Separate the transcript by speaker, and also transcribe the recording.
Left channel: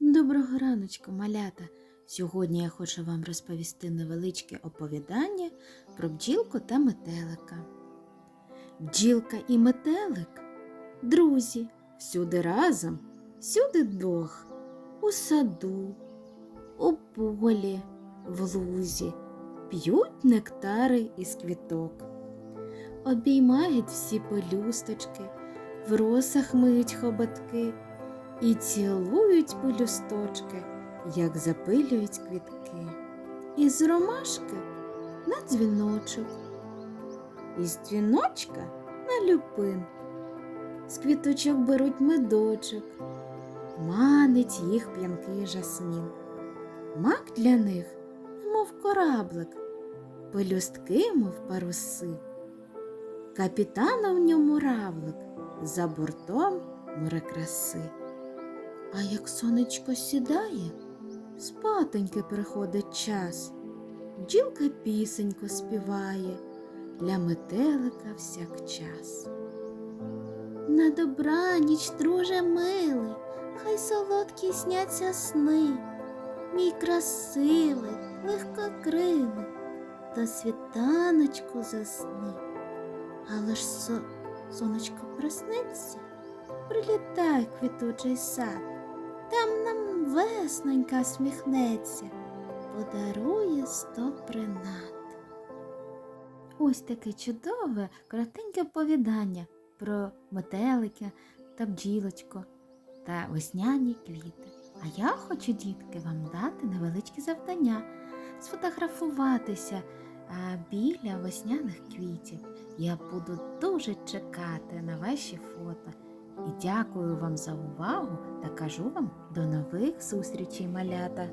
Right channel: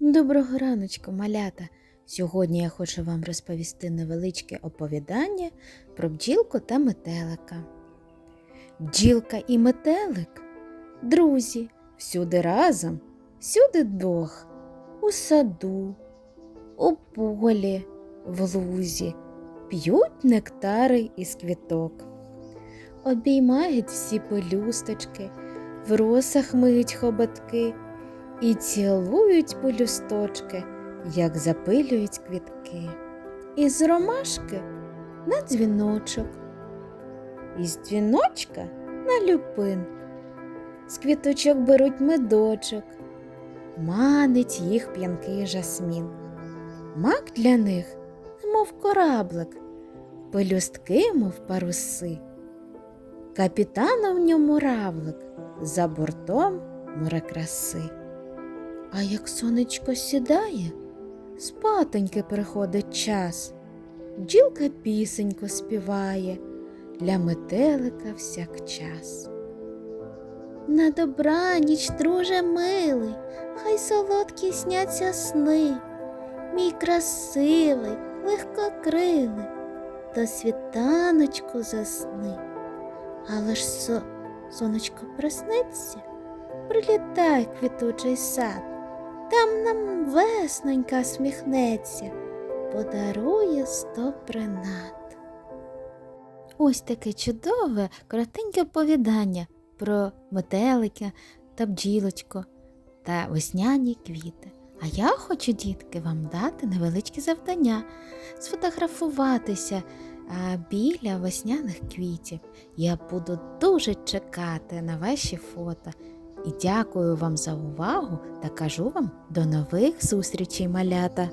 Speaker 1: Доброго раночку, малята! Сьогодні я хочу вам розповісти невеличке оповідання про бджілку та метелика. Бджілка і метелик друзі, всюди разом, всюди двох, у саду, у полі, в лузі, п'ють нектари із квіток, обіймають всі пелюсточки, в росах миють хоботки і цілують полюсточки, як запилюють квітки. Із ромашки на дзвіночок, із дзвіночка на люпин. З квіточок беруть медочок, манить їх п'янкий жасмін. Мак для них, немов кораблик, пелюстки, мов паруси. Капітана в ньому равлик, за бортом море краси. А як сонечко сідає, спатоньки приходить час, бджілка пісенько співає, для метелика всякчас. На добраніч, друже милий, хай солодкі сняться сни, мій красивий, легкокрилий, до світаночку засни. Але ж со... сонечко присниться, прилітай квітучий сад, там нам веснонька сміхнеться, подарує сто принад. Ось таке чудове, коротеньке оповідання про метелика та бджілочку та весняні квіти. А я хочу, дітки, вам дати невеличке завдання сфотографуватися е, біля весняних квітів. Я буду дуже чекати на ваші фото. І дякую вам за увагу та кажу вам до нових зустрічей, малята!